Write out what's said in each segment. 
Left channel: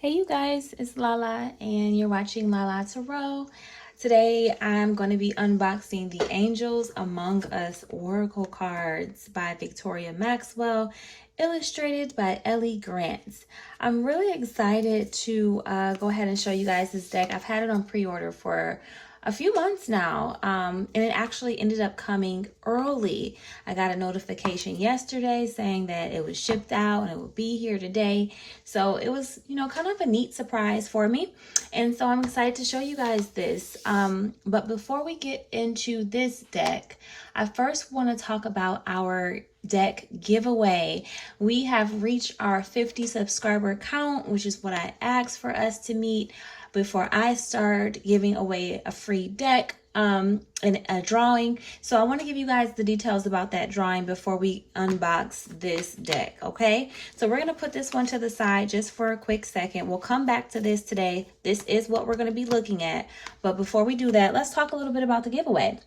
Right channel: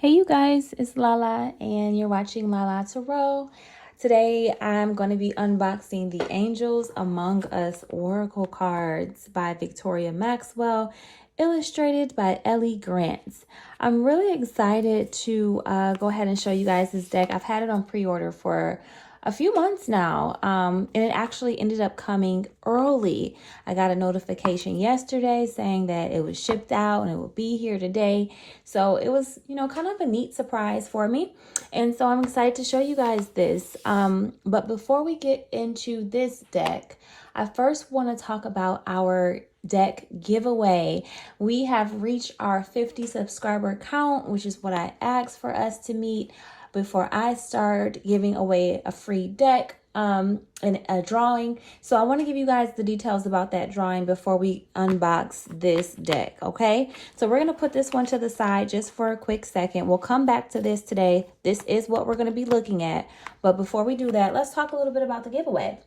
Hey you guys, it's Lala and you're watching Lala Tarot. Today I'm going to be unboxing the Angels Among Us Oracle cards by Victoria Maxwell, illustrated by Ellie Grant. I'm really excited to go ahead and show you guys this deck. I've had it on pre-order for a few months now, and it actually ended up coming early. I got a notification yesterday saying that it was shipped out and it will be here today. So it was, kind of a neat surprise for me. And so I'm excited to show you guys this. But before we get into this deck, I first want to talk about our deck giveaway. We have reached our 50 subscriber count, which is what I asked for us to meet before I start giving away a free deck and a drawing. So I want to give you guys the details about that drawing before we unbox this deck, okay? So we're going to put this one to the side just for a quick second. We'll come back to this today. This is what we're going to be looking at. But before we do that, let's talk a little bit about the giveaway.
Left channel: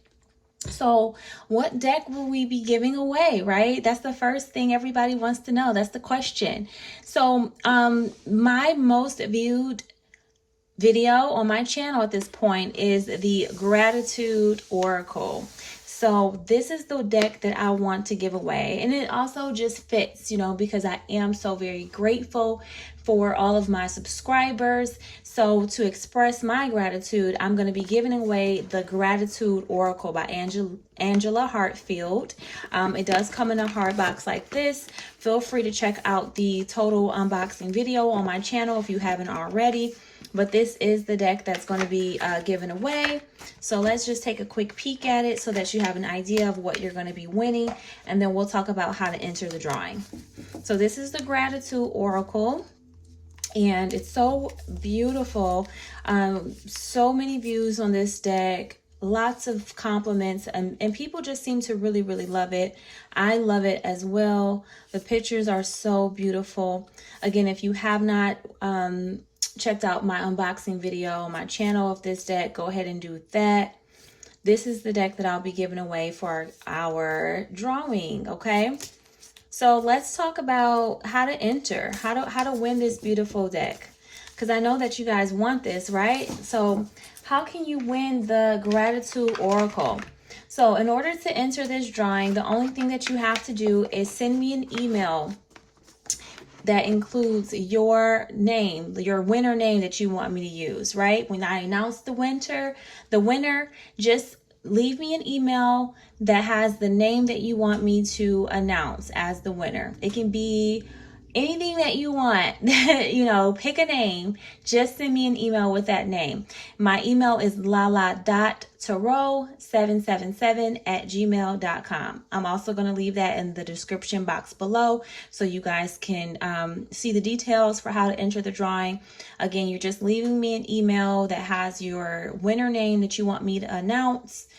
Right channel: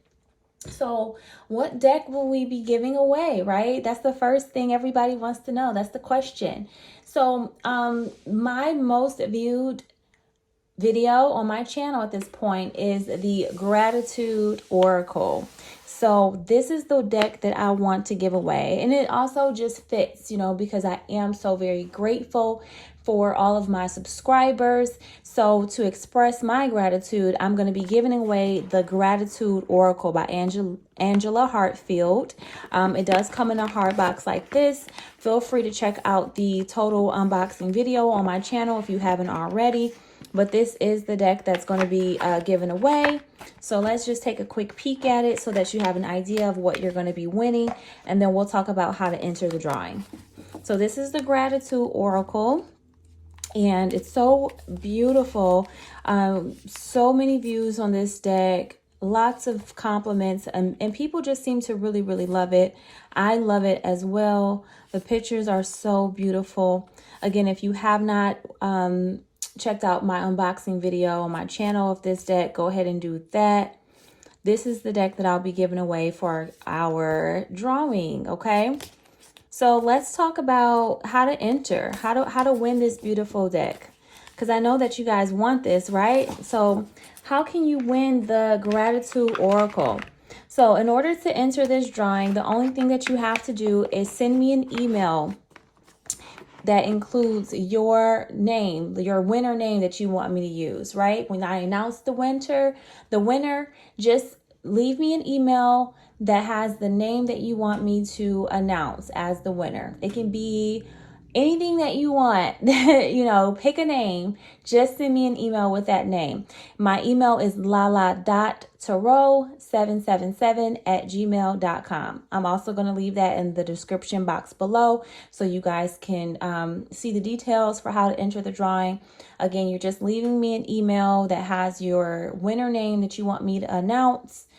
So what deck will we be giving away, right? That's the first thing everybody wants to know. That's the question. So my most viewed video on my channel at this point is the Gratitude Oracle. So this is the deck that I want to give away, and it also just fits, because I am so very grateful for all of my subscribers. So to express my gratitude, I'm going to be giving away the Gratitude Oracle by Angela Hartfield. It does come in a hard box like this. Feel free to check out the total unboxing video on my channel if you haven't already. But this is the deck that's going to be given away. So let's just take a quick peek at it so that you have an idea of what you're going to be winning. And then we'll talk about how to enter the drawing. So this is the Gratitude Oracle. And it's so beautiful. So many views on this deck. Lots of compliments. And people just seem to really, really love it. I love it as well. The pictures are so beautiful. Again, if you have not checked out my unboxing video on my channel of this deck, go ahead and do that. This is the deck that I'll be giving away for our drawing, okay? So let's talk about how to enter, how to win this beautiful deck, because I know that you guys want this, right? So how can you win the Gratitude Oracle? So in order to enter this drawing, the only thing that you have to do is send me an email that includes your name, your winner name that you want me to use, right? When I announce the winner, just leave me an email that has the name that you want me to announce as the winner. It can be anything that you want, pick a name. Just send me an email with that name. My email is lala.tarot777@gmail.com. I'm also going to leave that in the description box below so you guys can see the details for how to enter the drawing. Again, you're just leaving me an email that has your winner name that you want me to announce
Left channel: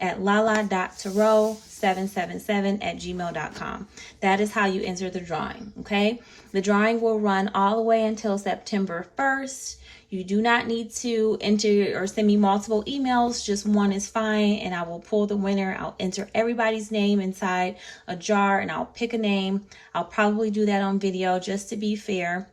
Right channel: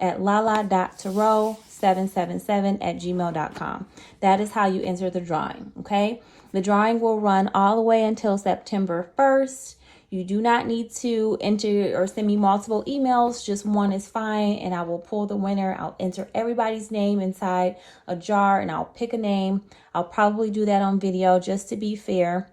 at lala.tarot777@gmail.com. That is how you enter the drawing, okay? The drawing will run all the way until September 1st. You do not need to enter or send me multiple emails. Just one is fine, and I will pull the winner. I'll enter everybody's name inside a jar, and I'll pick a name. I'll probably do that on video just to be fair,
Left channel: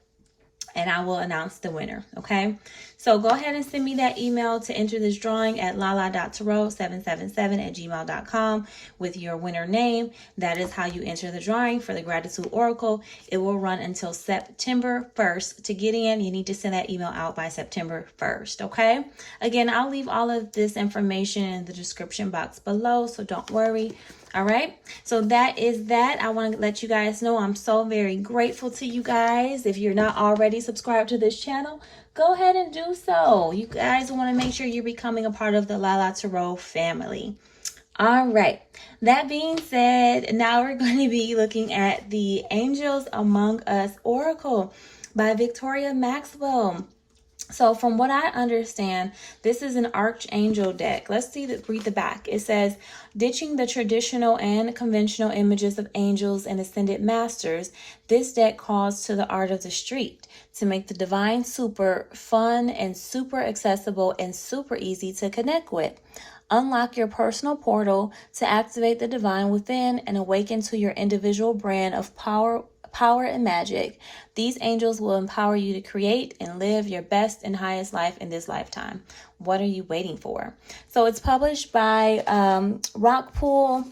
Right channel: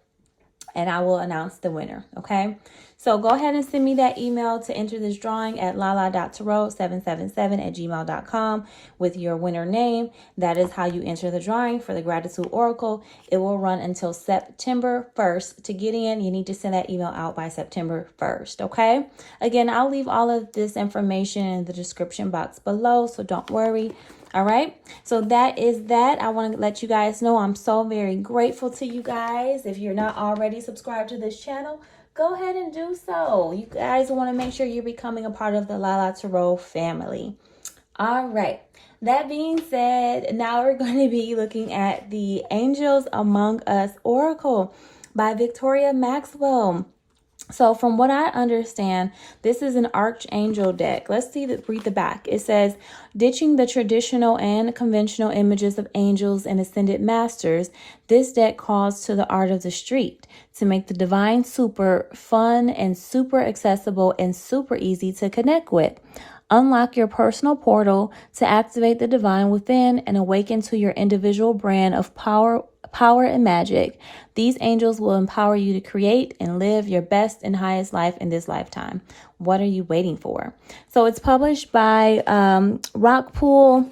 and I will announce the winner, okay? So go ahead and send me that email to enter this drawing at lala.tarot777@gmail.com with your winner name. That is how you enter the drawing for the Gratitude Oracle. It will run until September 1st. To get in, you need to send that email out by September 1st, okay? Again, I'll leave all of this information in the description box below, so don't worry. All right, so that is that. I want to let you guys know I'm so very grateful to you guys. If you're not already subscribed to this channel, go ahead and do so. You guys want to make sure you're becoming a part of the Lala Tarot family. All right, that being said, now we're going to be looking at the Angels Among Us Oracle by Victoria Maxwell. So from what I understand, this is an Archangel deck. Let's read the back. It says, ditching the traditional and conventional images of angels and ascended masters, this deck calls to the art of the street to make the divine super fun and super accessible and super easy to connect with. Unlock your personal portal to activate the divine within and awaken to your individual brand of power and magic. These angels will empower you to create and live your best and highest life in this lifetime. What are you waiting for? So it's published by Rockpool.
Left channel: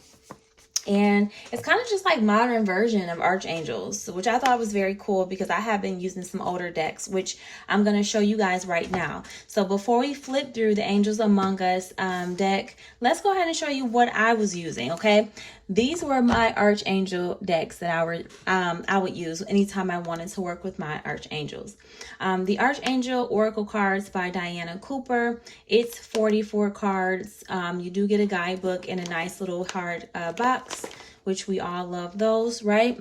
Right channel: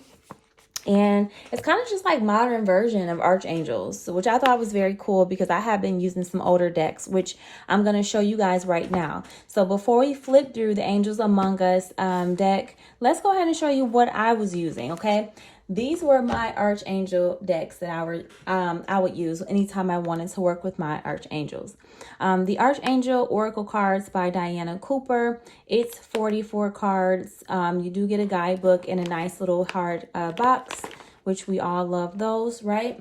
And it's kind of just like modern version of Archangels, which I thought was very cool because I have been using some older decks, which I'm going to show you guys right now. So before we flip through the Angels Among Us deck, let's go ahead and show you what I was using, okay? These were my Archangel decks that I would use anytime I wanted to work with my Archangels. The Archangel Oracle cards by Diana Cooper. It's 44 cards. You do get a guidebook in a nice little hard box, which we all love those, right?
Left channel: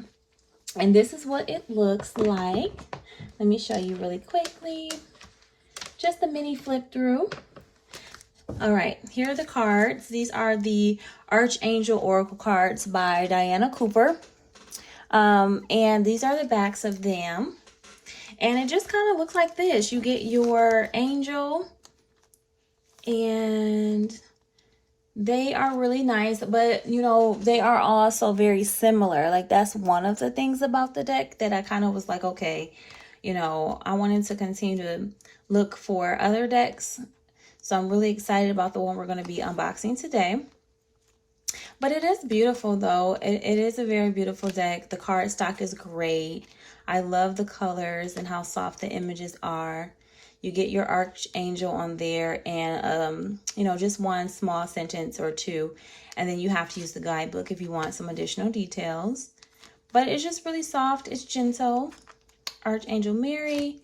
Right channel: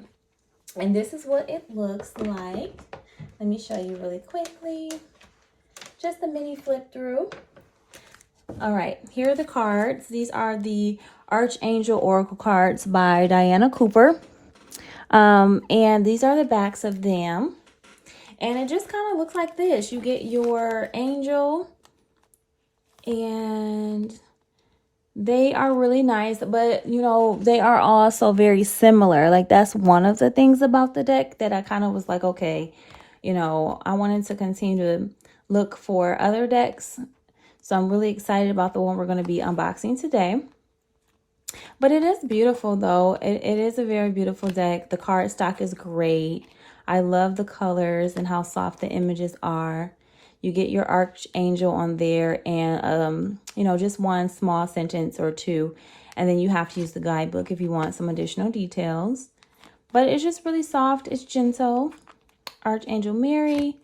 And this is what it looks like. Let me show you really quickly. Just a mini flip through. All right, here are the cards. These are the Archangel Oracle cards by Diana Cooper. And these are the backs of them. And it just kind of looks like this. You get your angel, and they are really nice, but you know, they are also very similar. Like, that's one of the things about the deck that I kind of was like, okay, you know, I wanted to continue to look for other decks. So I'm really excited about the one we're going to be unboxing today. But it is beautiful, though. It is a very beautiful deck. The card stock is great. I love the colors and how soft the images are. You get your Archangel on there and, you know, just one small sentence or two. And then you have to use the guidebook if you want some additional details. But it's just really soft. It's gentle. Archangel Mary,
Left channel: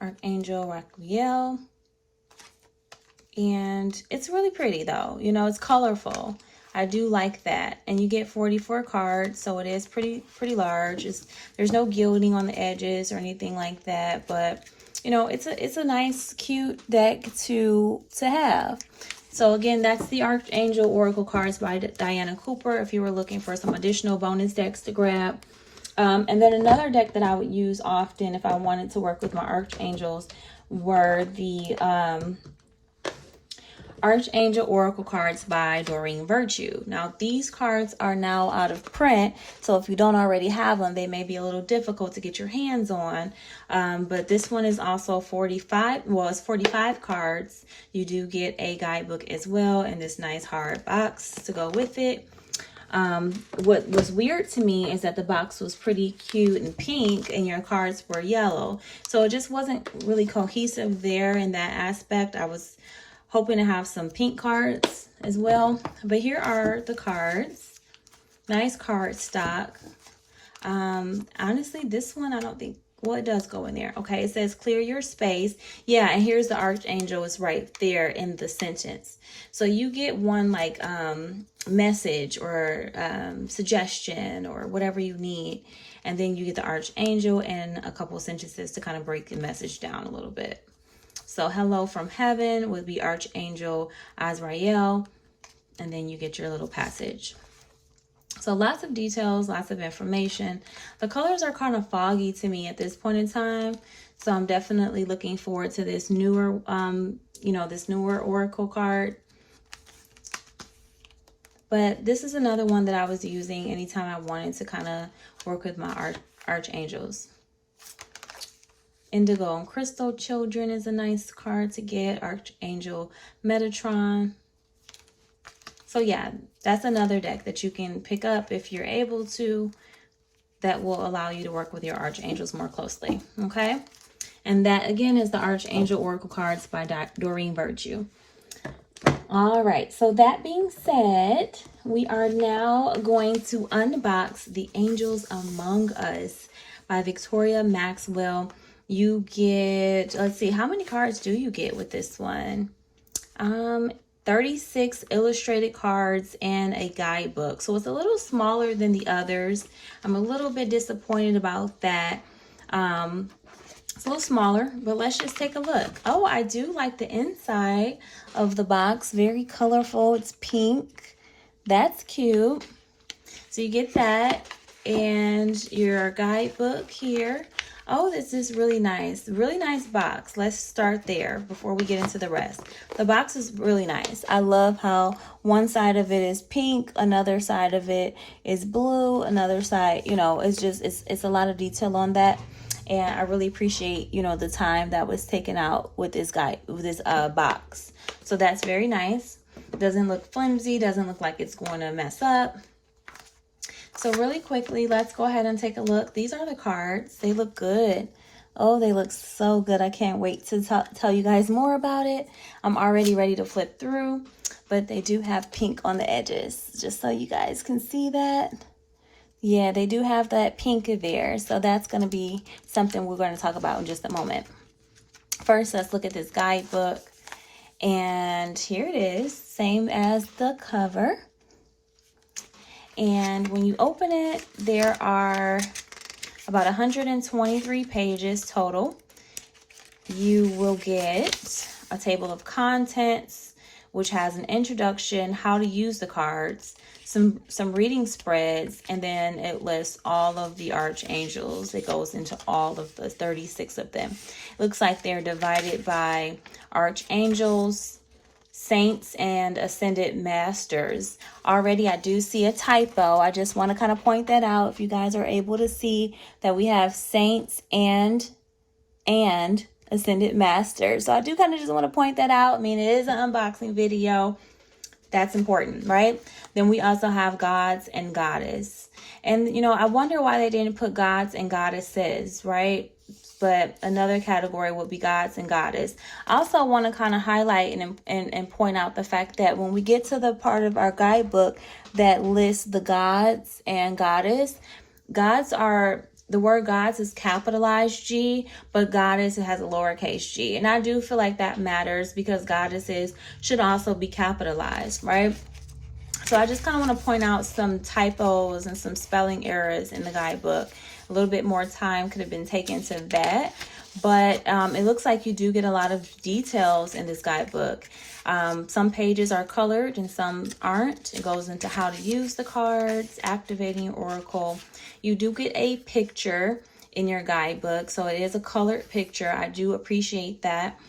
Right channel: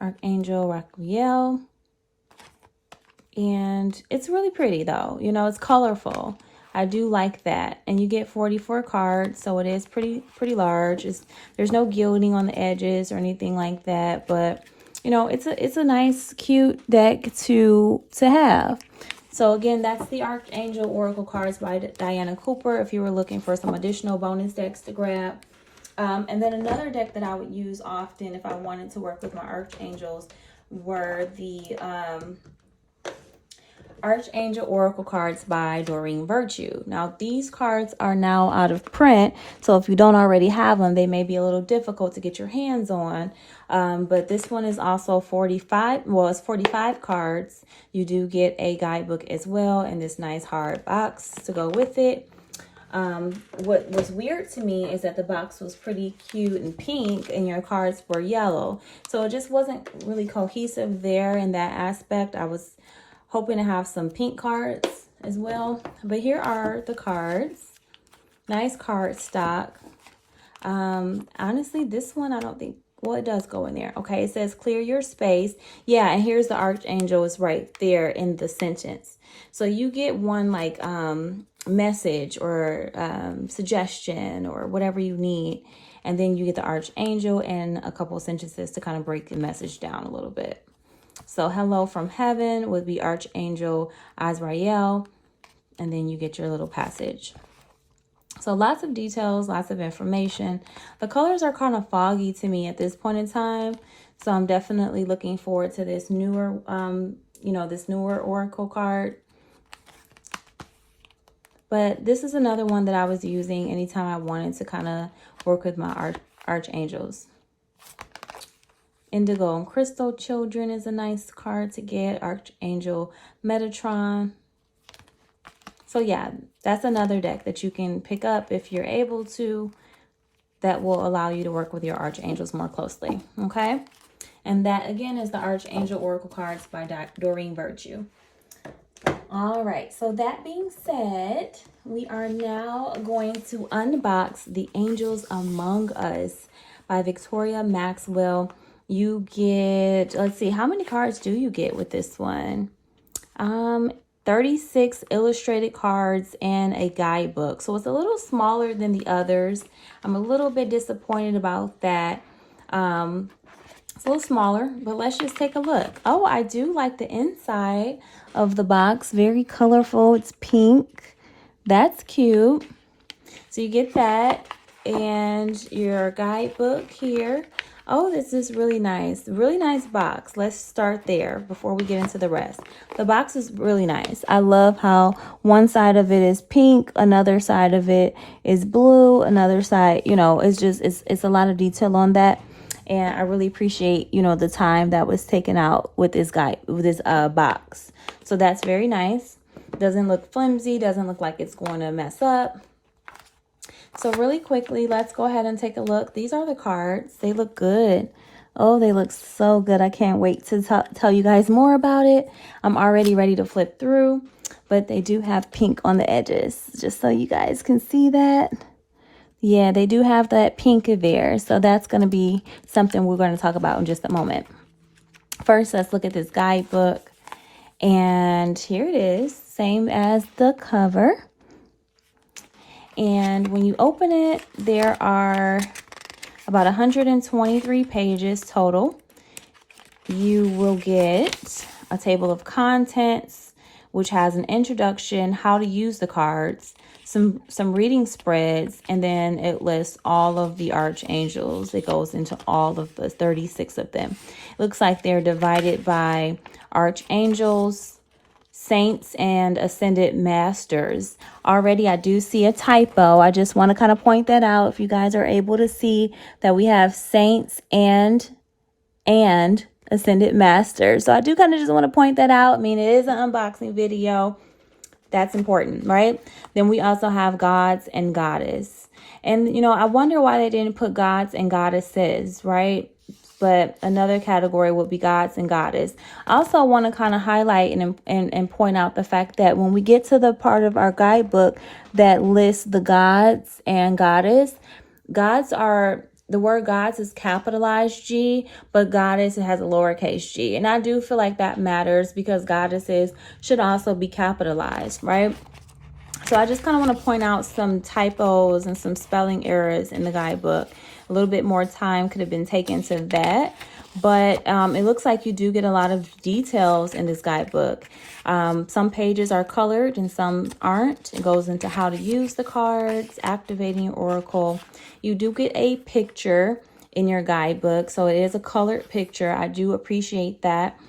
Archangel Raphael. And it's really pretty, though. You know, it's colorful. I do like that. And you get 44 cards, so it is pretty large. There's no gilding on the edges or anything like that, but you know, it's a nice, cute deck to have. So again, that's the Archangel Oracle cards by Diana Cooper if you were looking for some additional bonus decks to grab. And then another deck that I would use often if I wanted to work with my Archangels were the Archangel Oracle cards by Doreen Virtue. Now, these cards are now out of print, so if you don't already have them, they may be a little difficult to get your hands on. But this one is also 45, well, it's 45 cards. You do get a guidebook as well in this nice hard box to go with it. What was weird to me is that the box was pretty cute and pink and your cards were yellow. So it just wasn't really cohesive there in that aspect. I was hoping to have some pink cards as well. But here are the cards. Nice card stock. Honestly, this one, I don't think, well, it does go in there. Okay, it says clear your space. Yeah, and here's the Archangel is right there in the sentence. So you get one like message or suggestion or whatever you need. And then you get the Archangel and a couple sentences to kind of break the message down a little bit. So hello from heaven would be Archangel Azrael. And then you get your little passage. So lots of details, lots of information. The colors are kind of foggy to me at this point in time. So I'm definitely looking forward to this newer, you know, this newer Oracle card. But this is another one that I was using anytime I wanted to kind of work with my Archangels. Indigo and Crystal Children is a nice card to get. Archangel Metatron. So yeah, that's another deck that you can pick up if you're able to. That will allow you to work with your Archangels more closely. Okay? And that, again, is the Archangel Oracle cards by Doreen Virtue. All right. So that being said, we are now going to unbox The Angels Among Us by Victoria Maxwell. You get, let's see, how many cards do you get with this one? 36 illustrated cards and a guidebook. So it's a little smaller than the others. I'm a little bit disappointed about that. It's a little smaller, but let's just take a look. Oh, I do like the inside of the box. Very colorful. It's pink. That's cute. So you get that and your guidebook here. Oh, this is really nice. Really nice box. Let's start there before we get into the rest. The box is really nice. I love how one side of it is pink, another side of it is blue, another side, you know, it's just, it's a lot of detail on that. And I really appreciate, you know, the time that was taken out with this guy, with this box. So that's very nice. Doesn't look flimsy, doesn't look like it's going to mess up. So really quickly, let's go ahead and take a look. These are the cards. They look good. Oh, they look so good. I can't wait to tell you guys more about it. I'm already ready to flip through, but they do have pink on the edges, just so you guys can see that. Yeah, they do have that pink there. So that's going to be something we're going to talk about in just a moment. First, let's look at this guidebook. And here it is, same as the cover. And when you open it, there are about 123 pages total. You will get a table of contents, which has an introduction, how to use the cards, some reading spreads, and then it lists all of the archangels. It goes into all of the 36 of them. It looks like they're divided by archangels, saints, and ascended masters. Already I do see a typo. I just want to kind of point that out. If you guys are able to see that we have saints and ascended masters. So I do kind of just want to point that out. I mean, it is an unboxing video. That's important, right? Then we also have gods and goddess. And, you know, I wonder why they didn't put gods and goddesses, right? But another category would be gods and goddess. I also want to kind of highlight and point out the fact that when we get to the part of our guidebook that lists the gods and goddess, gods are, the word gods is capitalized G, but goddess has a lowercase g. And I do feel like that matters because goddesses should also be capitalized, right? So I just kind of want to point out some typos and some spelling errors in the guidebook. A little bit more time could have been taken to that, but it looks like you do get a lot of details in this guidebook. Some pages are colored and some aren't. It goes into how to use the cards, activating your oracle. You do get a picture in your guidebook, so it is a colored picture. I do appreciate that.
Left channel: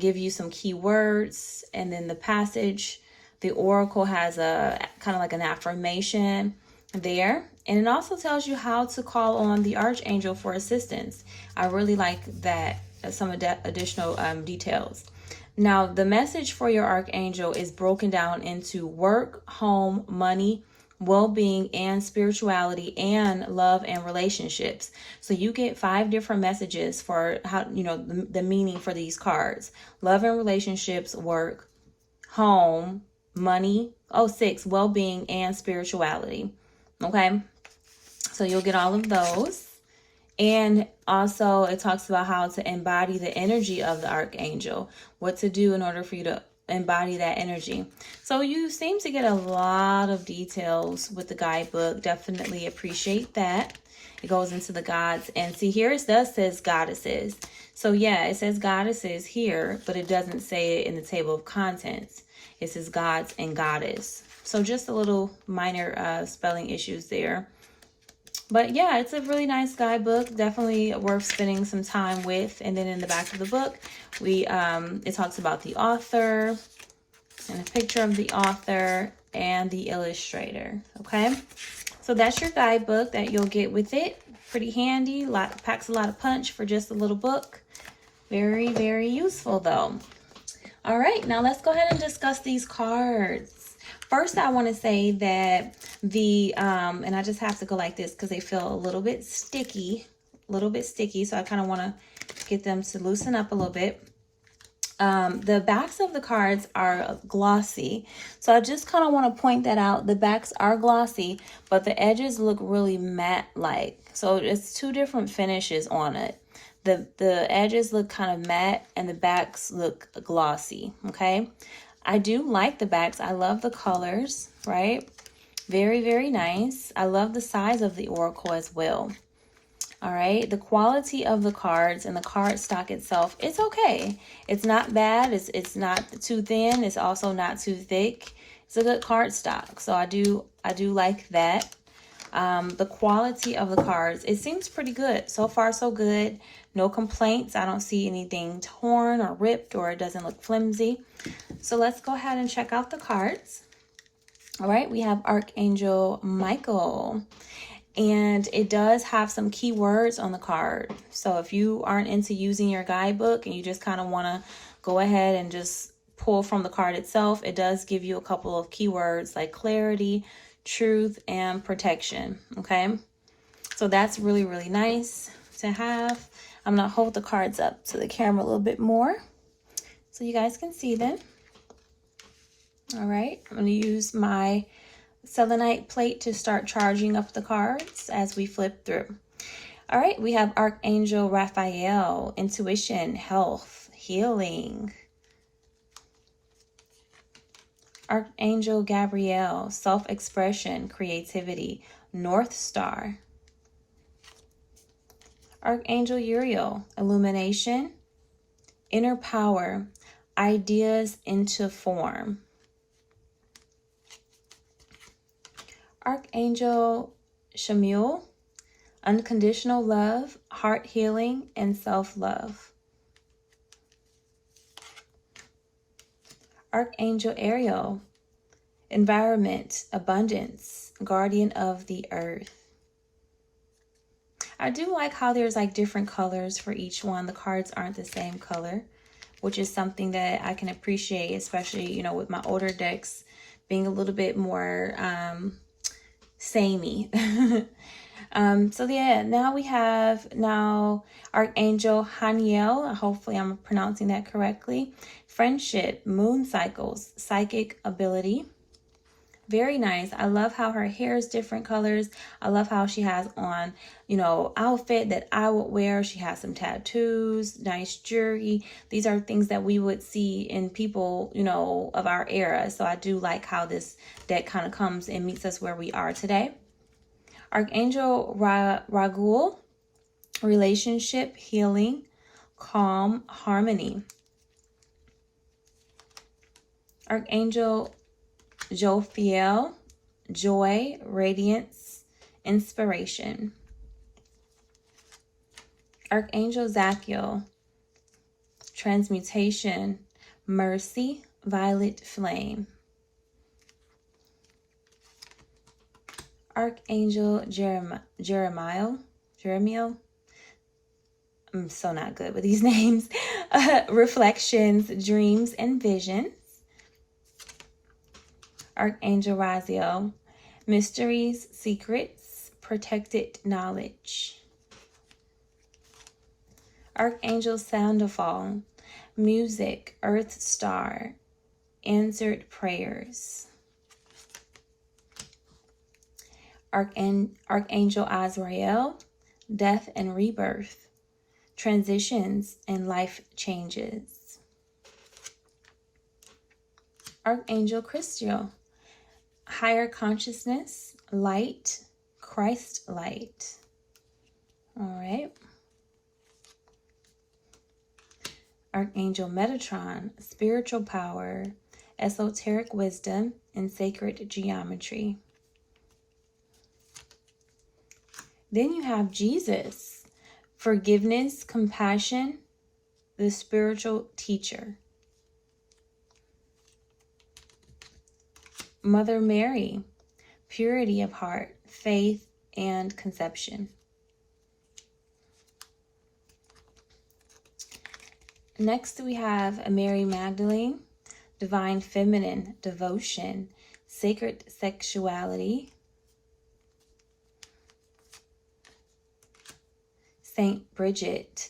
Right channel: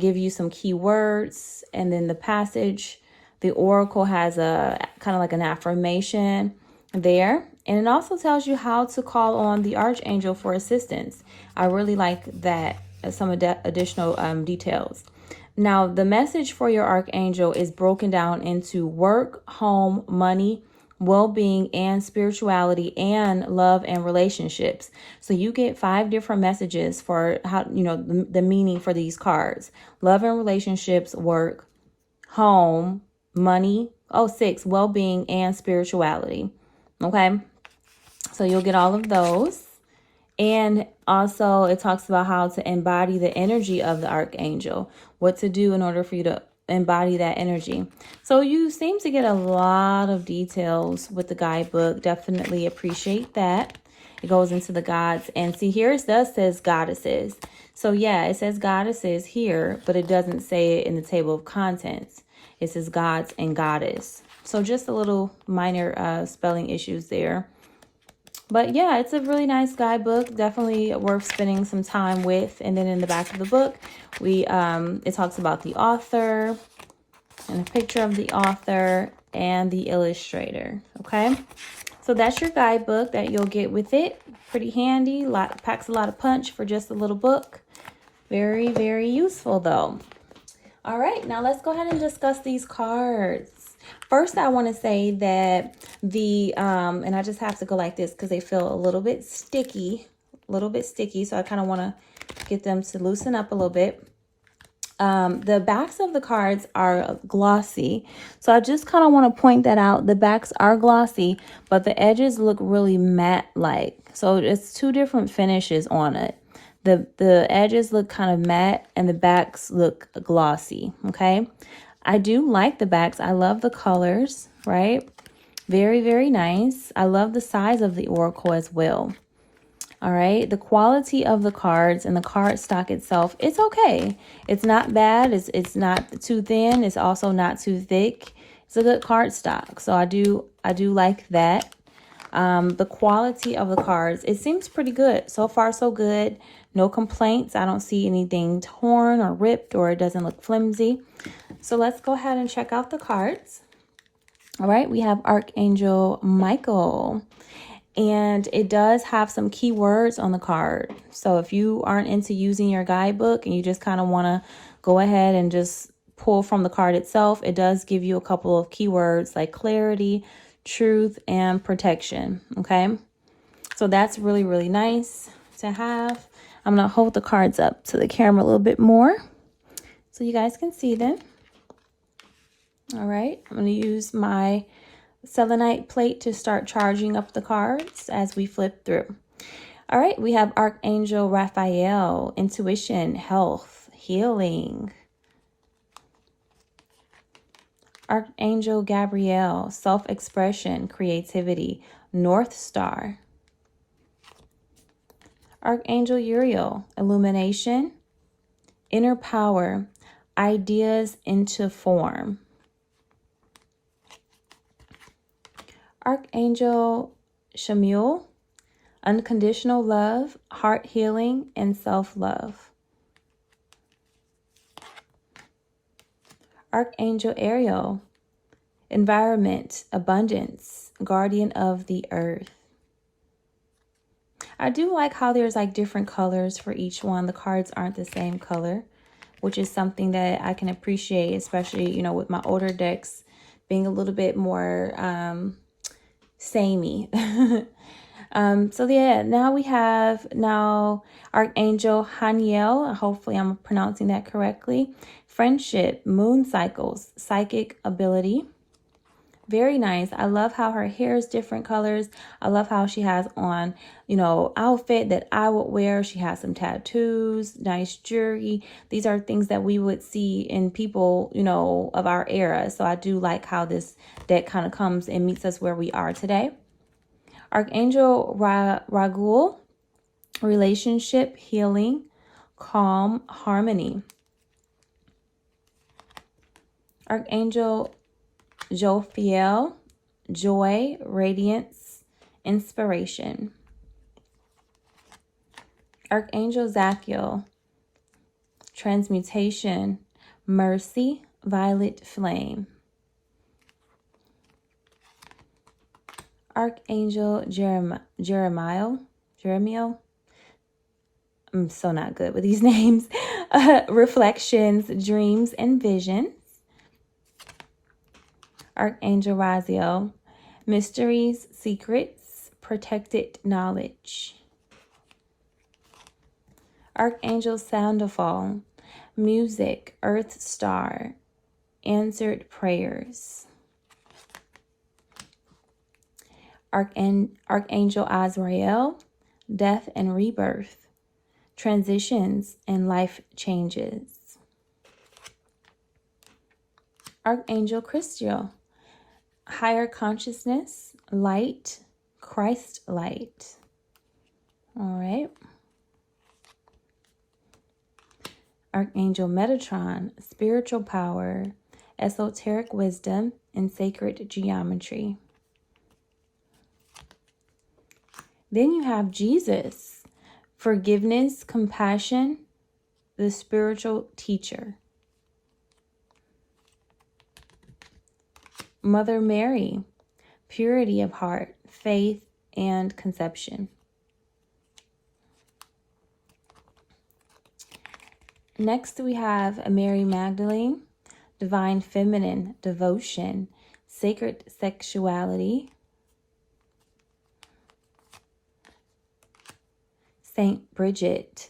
Give you some keywords, and then the passage. The oracle has a kind of like an affirmation there. And it also tells you how to call on the archangel for assistance. I really like that, some additional details. Now, the message for your archangel is broken down into work, home, money, well-being, and spirituality, and love and relationships. So you get 5 different messages for how, you know, the meaning for these cards. Love and relationships, work, home, money, 6, well-being, and spirituality. Okay, so you'll get all of those. And also it talks about how to embody the energy of the archangel, what to do in order for you to embody that energy. So you seem to get a lot of details with the guidebook. Definitely appreciate that. It goes into the gods, and see here it does says goddesses. So yeah, it says goddesses here, but it doesn't say it in the table of contents. It says gods and goddess. So just a little minor spelling issues there. But yeah, it's a really nice guidebook. Definitely worth spending some time with. And then in the back of the book, it talks about the author and a picture of the author and the illustrator. Okay, so that's your guidebook that you'll get with it. Pretty handy. Packs a lot of punch for just a little book. Very, very useful though. All right, now let's go ahead and discuss these cards. First, I want to say that and I just have to go like this because they feel a little bit sticky, so I kind of want to get them to loosen up a little bit. The backs of the cards are glossy, so I just kind of want to point that out. The backs are glossy, but the edges look really matte-like. So it's 2 different finishes on it. The edges look kind of matte and the backs look glossy, okay? I do like the backs. I love the colors, right? Very, very nice. I love the size of the oracle as well. All right, the quality of the cards and the card stock itself, it's okay. It's not bad. It's not too thin. It's also not too thick. It's a good card stock. So I do like that. The quality of the cards, it seems pretty good. So far, so good. No complaints. I don't see anything torn or ripped, or it doesn't look flimsy. So let's go ahead and check out the cards. All right, we have Archangel Michael. And it does have some keywords on the card. So if you aren't into using your guidebook and you just kind of want to go ahead and just pull from the card itself, it does give you a couple of keywords like clarity, truth, and protection. Okay, so that's really, really nice to have. I'm going to hold the cards up to the camera a little bit more so you guys can see them. All right, I'm going to use my selenite plate to start charging up the cards as we flip through. All right, we have Archangel Raphael, intuition, health, healing. Archangel Gabriel, self-expression, creativity, North Star. Archangel Uriel, illumination, inner power, ideas into form. Archangel Haniel, unconditional love, heart healing, and self-love. Archangel Ariel, environment, abundance, guardian of the earth. I do like how there's like different colors for each one. The cards aren't the same color, which is something that I can appreciate, especially, you know, with my older decks being a little bit more samey. So yeah, now we have Archangel Haniel. Hopefully I'm pronouncing that correctly. Friendship, moon cycles, psychic ability. Very nice. I love how her hair is different colors. I love how she has on, you know, outfit that I would wear. She has some tattoos, nice jewelry. These are things that we would see in people, you know, of our era. So I do like how this deck kind of comes and meets us where we are today. Archangel Raguel, relationship, healing, calm, harmony. Archangel Jophiel, joy, radiance, inspiration. Archangel Zachiel, transmutation, mercy, violet flame. Archangel Jeremiah. I'm so not good with these names. Reflections, dreams, and visions. Archangel Raziel, mysteries, secrets, protected knowledge. Archangel Soundfall, music, earth star, answered prayers. Archangel Azrael, death and rebirth, transitions and life changes. Archangel Christiel, higher consciousness, light, Christ light. All right. Archangel Metatron, spiritual power, esoteric wisdom, and sacred geometry. Then you have Jesus, forgiveness, compassion, the spiritual teacher. Mother Mary, purity of heart, faith, and conception. Next we have Mary Magdalene, divine feminine, devotion, sacred sexuality. Saint Bridget,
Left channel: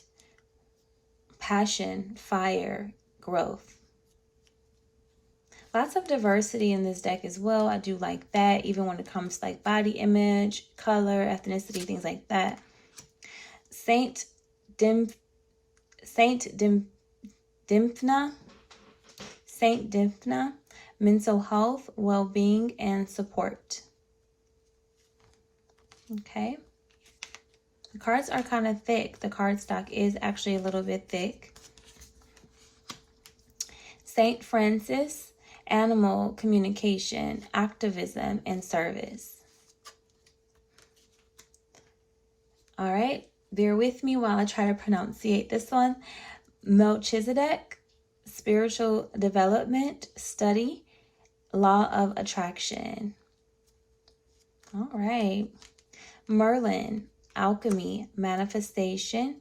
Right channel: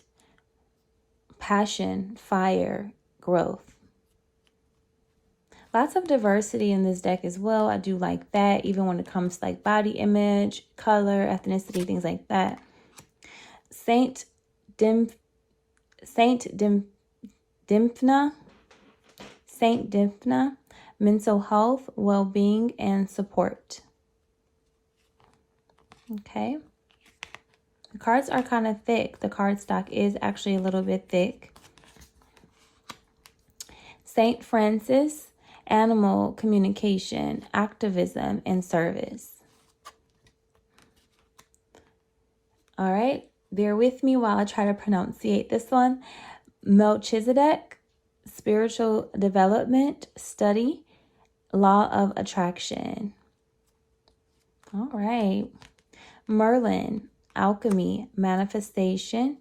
passion, fire, growth. Lots of diversity in this deck as well. I do like that, even when it comes to like body image, color, ethnicity, things like that. Saint Dymphna, mental health, well-being, and support. Okay. The cards are kind of thick. The card stock is actually a little bit thick. Saint Francis, animal communication, activism, and service. All right, bear with me while I try to pronunciate this one. Melchizedek, spiritual development, study, law of attraction. All right. Merlin, alchemy, manifestation,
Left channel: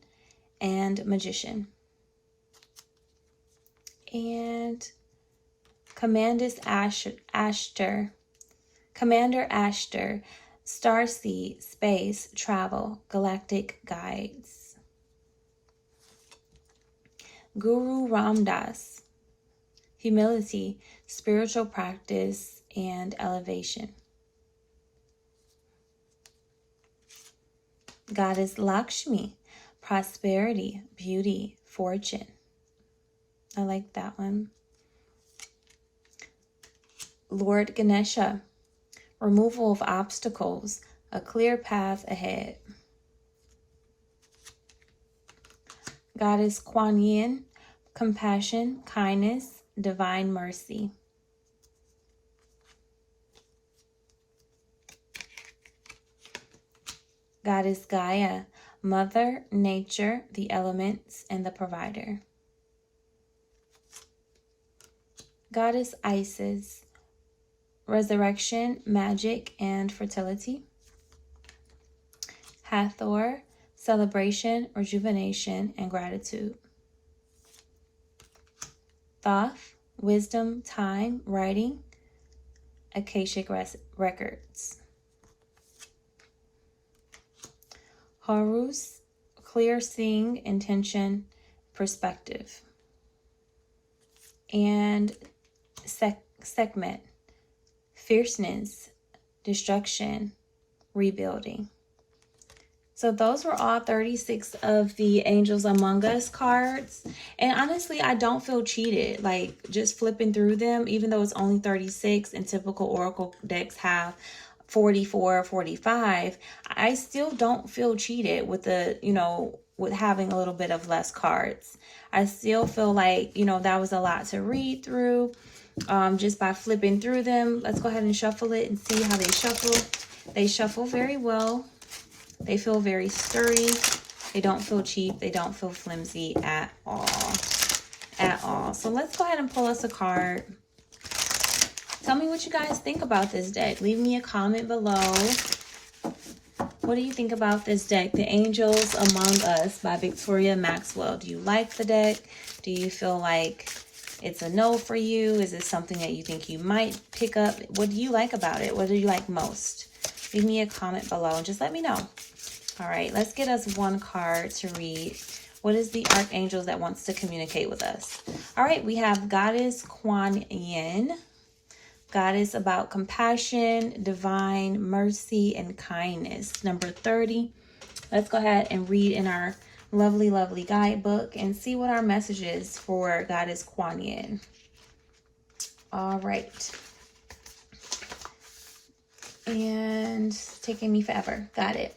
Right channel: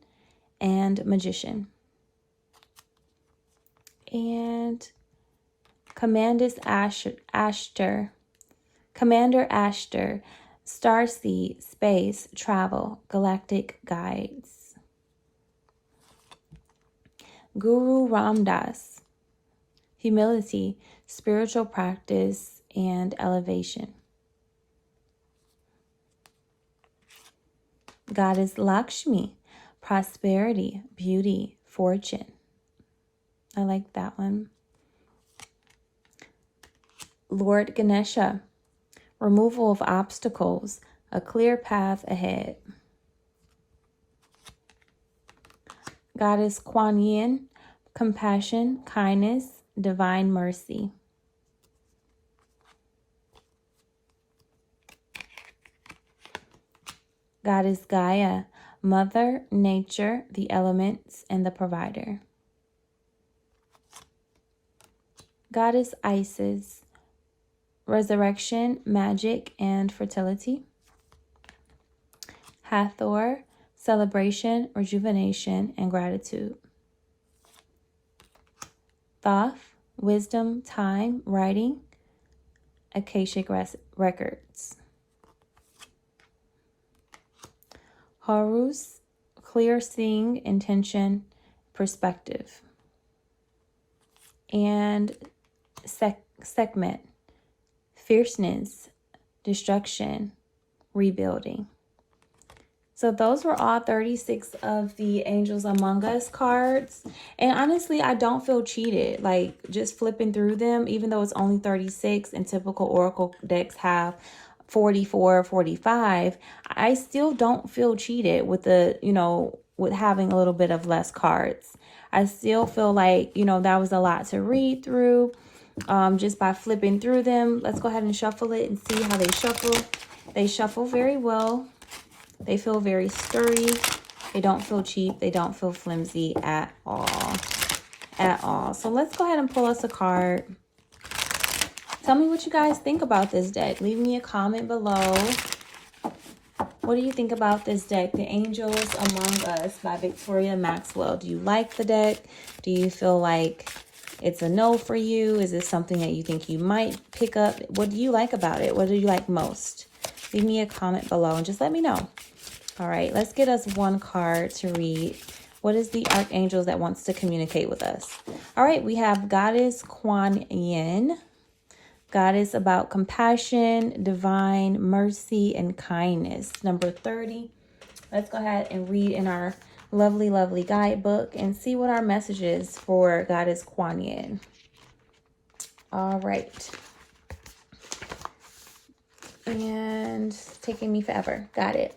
and magician. And Commander Ashter, starseed, space, travel, galactic guides. Guru Ramdas, humility, spiritual practice, and elevation. Goddess Lakshmi, prosperity, beauty, fortune. I like that one. Lord Ganesha, removal of obstacles, a clear path ahead. Goddess Kuan Yin, compassion, kindness, divine mercy. Goddess Gaia, mother, nature, the elements, and the provider. Goddess Isis, resurrection, magic, and fertility. Hathor, celebration, rejuvenation, and gratitude. Thoth, wisdom, time, writing, Akashic records. Horus, clear seeing, intention, perspective. And Sekhmet, fierceness, destruction, rebuilding. So those were all 36 of the Angels Among Us cards. And honestly, I don't feel cheated. Like, just flipping through them, even though it's only 36 and typical Oracle decks have 44, 45, I still don't feel cheated with the, with having a little bit of less cards. I still feel like, that was a lot to read through just by flipping through them. Let's go ahead and shuffle it and see how they shuffle. They shuffle very well. They feel very sturdy. They don't feel cheap. They don't feel flimsy at all. At all. So let's go ahead and pull us a card. Tell me what you guys think about this deck. Leave me a comment below. What do you think about this deck? The Angels Among Us by Victoria Maxwell. Do you like the deck? Do you feel like it's a no for you? Is this something that you think you might pick up? What do you like about it? What do you like most? Leave me a comment below and just let me know. All right, let's get us one card to read. What is the Archangel that wants to communicate with us? All right, we have Goddess Kuan Yin. Goddess about compassion, divine mercy, and kindness. Number 30. Let's go ahead and read in our lovely, lovely guidebook and see what our message is for Goddess Kuan Yin. All right. And it's taking me forever. Got it.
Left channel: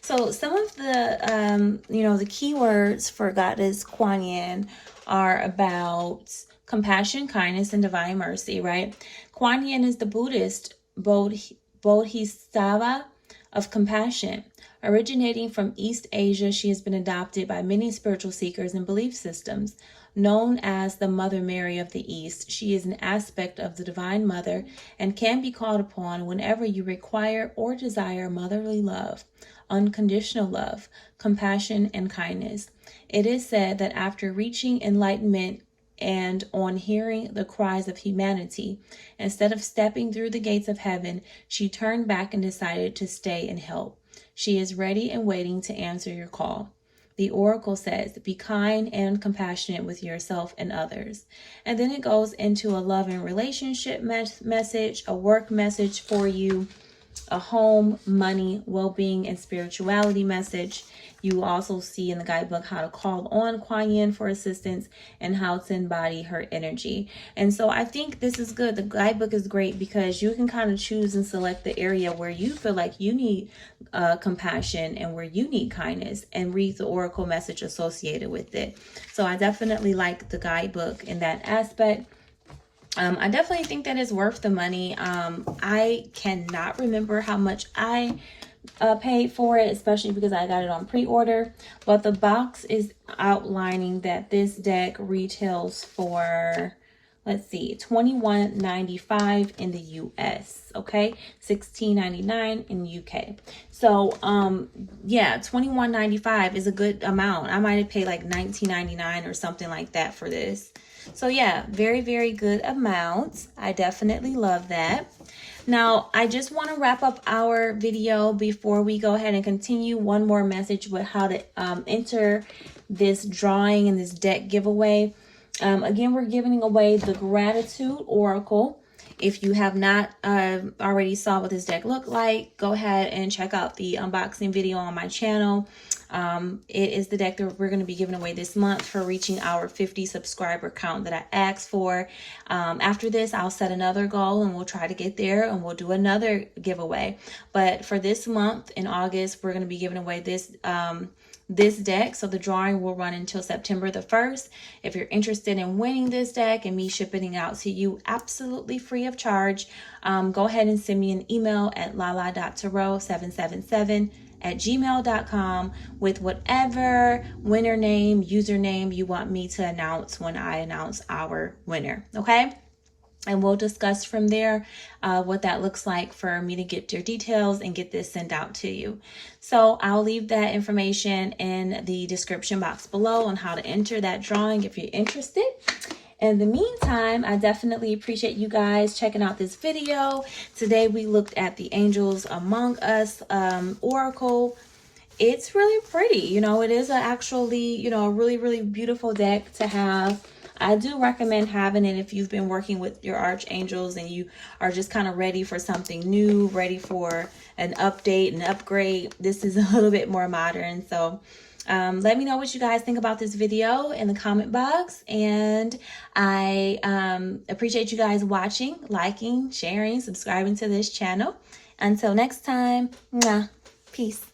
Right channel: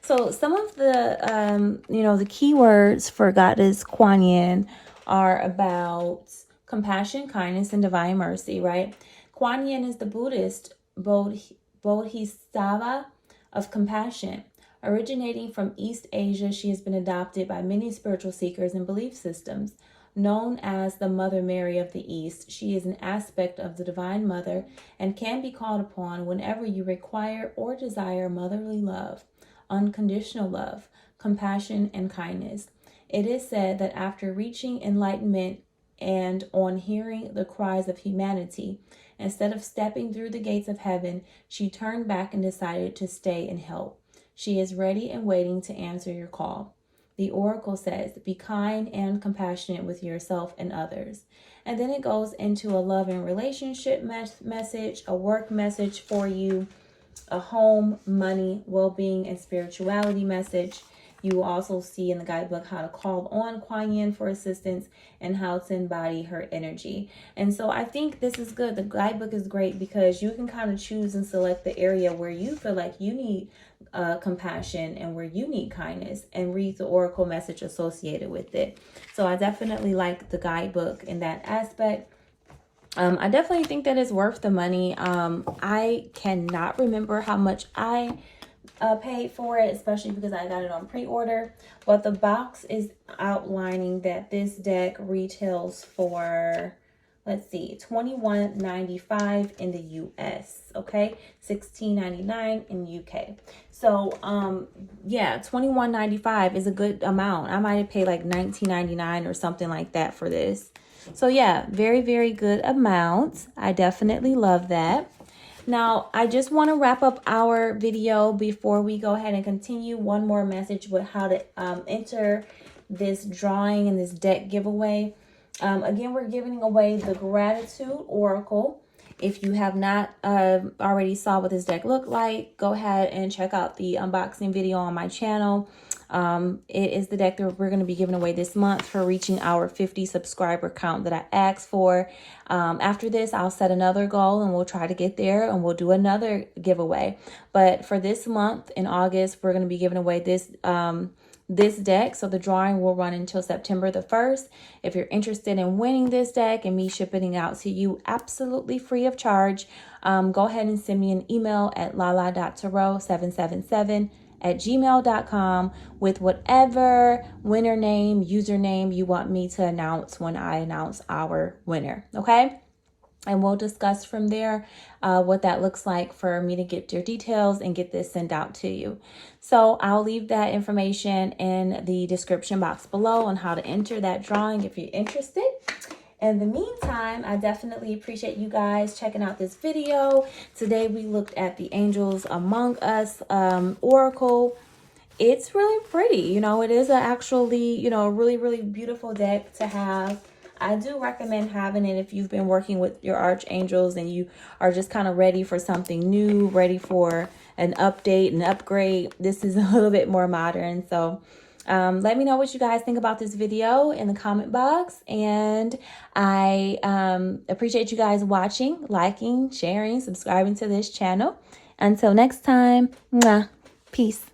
So some of the, the keywords for Goddess Kuan Yin are about compassion, kindness, and divine mercy, right? Kuan Yin is the Buddhist Bodhisattva of compassion. Originating from East Asia, she has been adopted by many spiritual seekers and belief systems. Known as the Mother Mary of the East, she is an aspect of the Divine Mother and can be called upon whenever you require or desire motherly love, unconditional love, compassion, and kindness. It is said that after reaching enlightenment and on hearing the cries of humanity, instead of stepping through the gates of heaven, she turned back and decided to stay and help. She is ready and waiting to answer your call. The oracle says, be kind and compassionate with yourself and others. And then it goes into a love and relationship message, a work message for you, a home, money, well-being, and spirituality message. You will also see in the guidebook how to call on Kuan Yin for assistance and how to embody her energy. And so I think this is good. The guidebook is great because you can kind of choose and select the area where you feel like you need compassion and where you need kindness and read the oracle message associated with it. So I definitely like the guidebook in that aspect. I definitely think that it's worth the money. I cannot remember how much I paid for it, especially because I got it on pre-order. But the box is outlining that this deck retails for, let's see, $21.95 in the US, okay? $16.99 in the UK. So, yeah, $21.95 is a good amount. I might have paid like $19.99 or something like that for this. So yeah, very, very good amount. I definitely love that. Now, I just want to wrap up our video before we go ahead and continue. One more message with how to enter this drawing and this deck giveaway. Again, we're giving away the Gratitude Oracle. If you have not already saw what this deck looked like, go ahead and check out the unboxing video on my channel. It is the deck that we're going to be giving away this month for reaching our 50 subscriber count that I asked for. After this, I'll set another goal and we'll try to get there and we'll do another giveaway. But for this month in August, we're going to be giving away this deck. So the drawing will run until September the 1st. If you're interested in winning this deck and me shipping it out to you absolutely free of charge, go ahead and send me an email at lala.tarot777@gmail.com with whatever winner name, username you want me to announce when I announce our winner, okay? And we'll discuss from there what that looks like for me to get your details and get this sent out to you. So I'll leave that information in the description box below on how to enter that drawing if you're interested. In the meantime, I definitely appreciate you guys checking out this video. Today we looked at the Angels Among Us Oracle. It's really pretty. You know, it is actually, you know, a really, really beautiful deck to have. I do recommend having it if you've been working with your archangels and you are just kind of ready for something new, ready for an update, an upgrade. This is a little bit more modern. So let me know what you guys think about this video in the comment box. And I appreciate you guys watching, liking, sharing, subscribing to this channel. Until next time, mwah, peace.